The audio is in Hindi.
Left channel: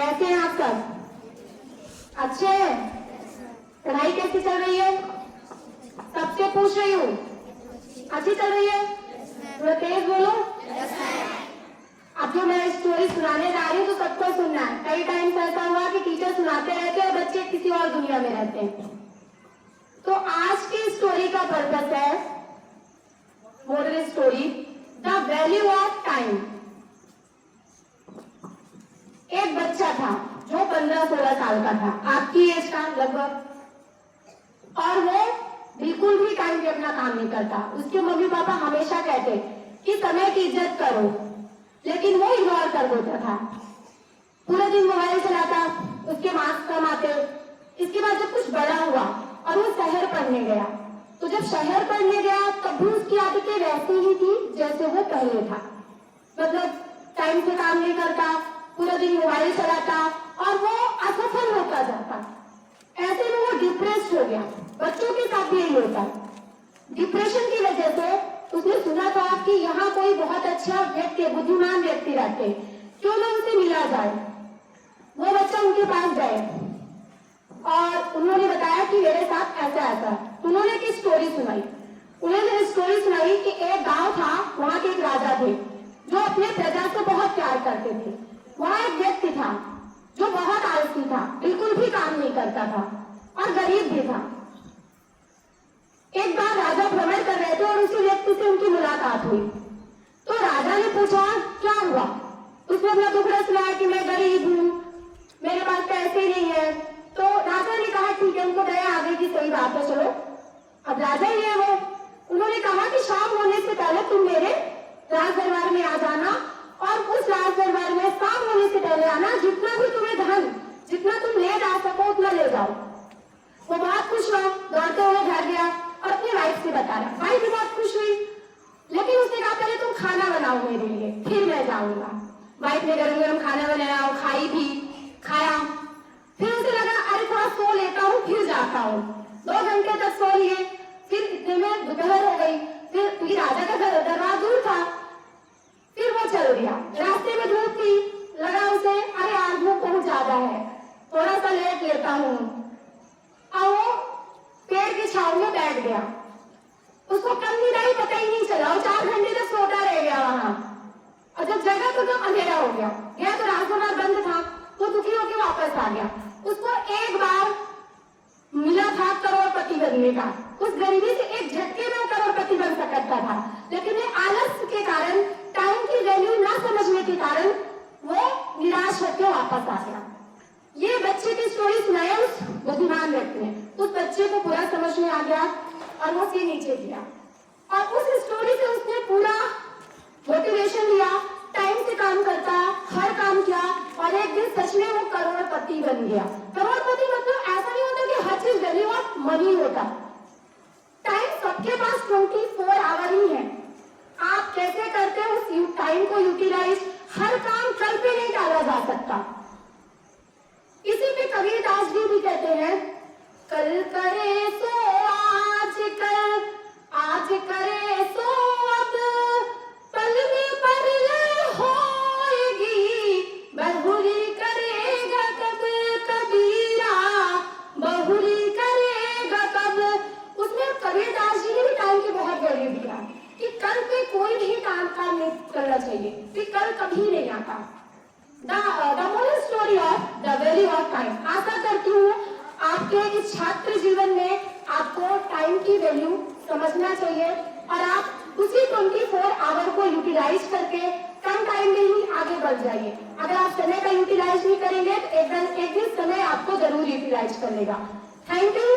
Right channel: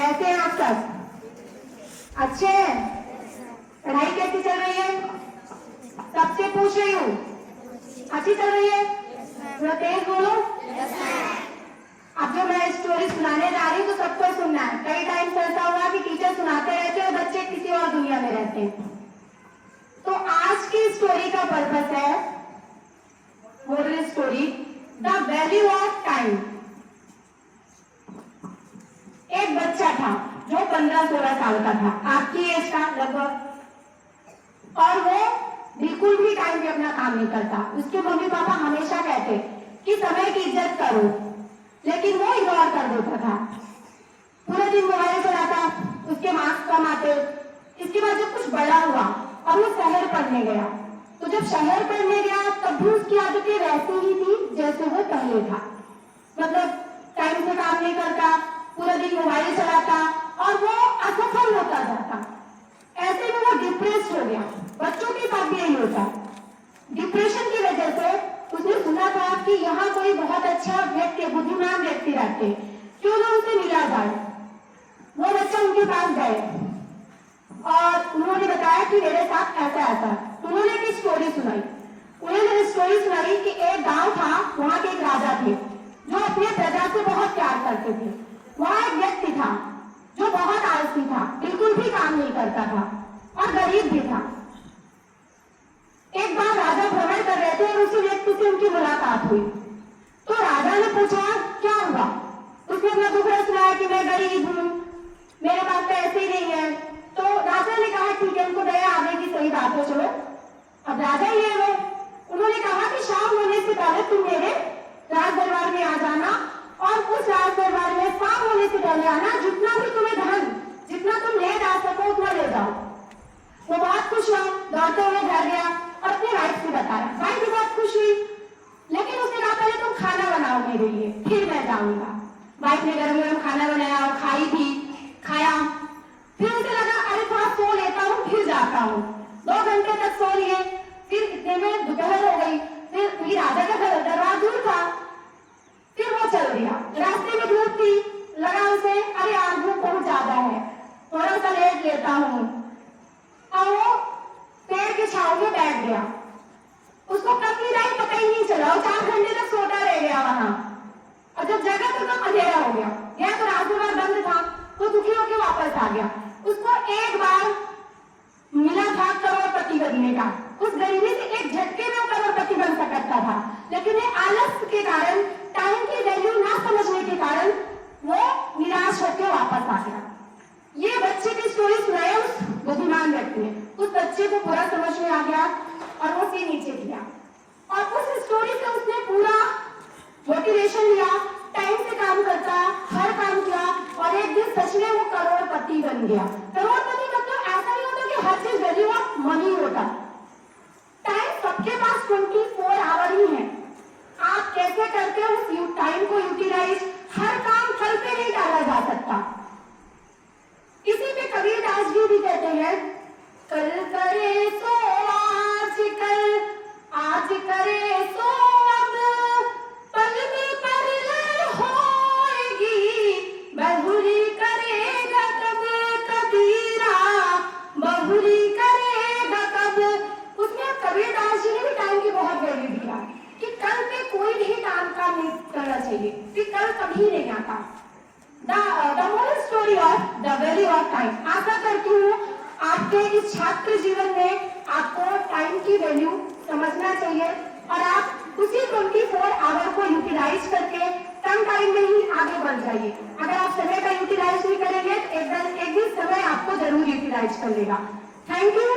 कैसे हैं आप सब? अच्छे हैं? पढ़ाई कैसी चल रही है? सबसे पूछ रही हूँ, अच्छी चल रही है? थोड़ा तेज बोलो। अब जो मैं स्टोरी सुनाने जा रही हूँ तो सबको सुनना है। कई टाइम से ऐसा हुआ कि टीचर सुनाते रहते हैं और बच्चे किसी और दुनिया में रहते हैं। तो आज की स्टोरी का पर्पस है, moral story, the value of time. एक बच्चा था जो 15-16 साल का था, आपकी एज का लगभग, और वो बिल्कुल भी टाइम पे अपना काम नहीं करता। उसके मम्मी पापा हमेशा कहते कि समय की इज्जत करो, लेकिन वो इग्नोर कर देता था। पूरा दिन मोबाइल चलाता, उसके मार्क्स कम आते। इसके बाद जब कुछ बड़ा हुआ और वो शहर पढ़ने गया, तो जब शहर पढ़ने गया तब भी उसकी आदतें वैसी ही थी जैसे वो पहले था। मतलब टाइम से काम नहीं करता, पूरा दिन मोबाइल चलाता और वो असफल होता जाता। ऐसे में वो डिप्रेस हो गया। बच्चों के साथ भी यही होता। डिप्रेशन की वजह से उसने सुना था कि यहाँ कोई बहुत अच्छा व्यक्ति, बुद्धिमान व्यक्ति रहते, क्यों ना उनसे मिला जाए। वो बच्चा उनके पास गए और उन्होंने बताया कि मेरे साथ ऐसा ऐसा। उन्होंने एक स्टोरी सुनाई। उन्होंने स्टोरी सुनाई कि एक गांव था, वहां के एक राजा थे जो अपने प्रजा से बहुत प्यार करते थे। वहां एक व्यक्ति था जो बहुत आलसी था, बिल्कुल भी काम नहीं करता था और गरीब भी था। एक बार राजा भ्रमण कर रहे थे और उसी व्यक्ति से उनकी मुलाकात हुई। तो राजा ने पूछा क्या हुआ। उसने अपना दुखड़ा सुनाया कि मैं गरीब हूँ, मेरे पास पैसे नहीं है। तो राजा ने कहा ठीक है, उनको दया आ गई कि सही बात है, चलो अब राजा ही है वो। उन्होंने कहा कि शाम होने से पहले तुम मेरे राज दरबार में आ जाना और उस राज दरबार में शाम होने से पहले आना। जितना भी तुम्हें धन, जितना तुम ले जा सको उतना ले जाओ। वो बहुत खुश हुआ, दौड़ते हुए घर गया और अपने वाइफ से बताया। वाइफ भी बहुत खुश हुई, लेकिन उसने कहा पहले तुम खाना बनाओ मेरे लिए, फिर मैं जाऊंगा। वाइफ ने गरम गरम खाना बनाया और खाई भी, खाया। फिर उसे लगा अरे थोड़ा सो लेता हूँ फिर जाता हूँ। 2 घंटे तक सो लिए। फिर इतने में दोपहर हो गई। फिर राजा का दरबार दूर था, फिर वो चल दिया। रास्ते में धूप थी, लगा उसे अरे आज धूप बहुत ज्यादा है, थोड़ा सा लेट लेता हूँ। और वो पेड़ की छांव में बैठ गया। उसको कब नींद आई पता ही नहीं चला। और 4 घंटे तक सोता रह गया वहां। और जब जगह तो तब अंधेरा हो गया। गया तो राजदरबार बंद था, तो दुखी होकर वापस आ गया। उसको एक बार मिला था करोड़पति बनने का। उस गरीबी से एक झटके में करोड़पति बन सकता था, लेकिन ये आलस के कारण, टाइम की वैल्यू ना समझने के कारण वो निराश होकर वापस आ गया। ये बच्चे की स्टोरी सुनाया उस बुद्धिमान व्यक्ति ने। उस बच्चे को पूरा समझ में आ गया और वो सिर नीचे किया। और उस स्टोरी से उसने पूरा मोटिवेशन लिया, टाइम से काम करता, हर काम किया और एक दिन सच में वो करोड़पति बन गया। करोड़पति मतलब ऐसा नहीं होता कि हर चीज वैल्यू ऑफ मनी होता। टाइम सबके पास 24 आवर ही है। आप कैसे करते हो उस टाइम को यूटिलाइज, हर काम कल पे नहीं डाला जा सकता। इसी पे कबीरदास जी भी कहते हैं कल करे सो आज कल, आज करे सो अब, पल में परलय होएगी, बहुरी करेगा कब कबीरा, बहुरी करेगा कब। उसमें कबीरदास जी ने भी टाइम की बहुत वैल्यू दिया कि कल पे कोई भी काम नहीं करना चाहिए, कि कल कभी नहीं आता। The moral story of the value of time। आशा करती हूँ आपके इस छात्र जीवन में आपको टाइम की वैल्यू समझना चाहिए और आप उसी 24 आवर को यूटिलाइज करके कम टाइम में ही आगे बढ़ जाइए। अगर आप समय का यूटिलाइज नहीं करेंगे तो एक दिन समय आपको जरूर यूटिलाइज कर लेगा। Thank you.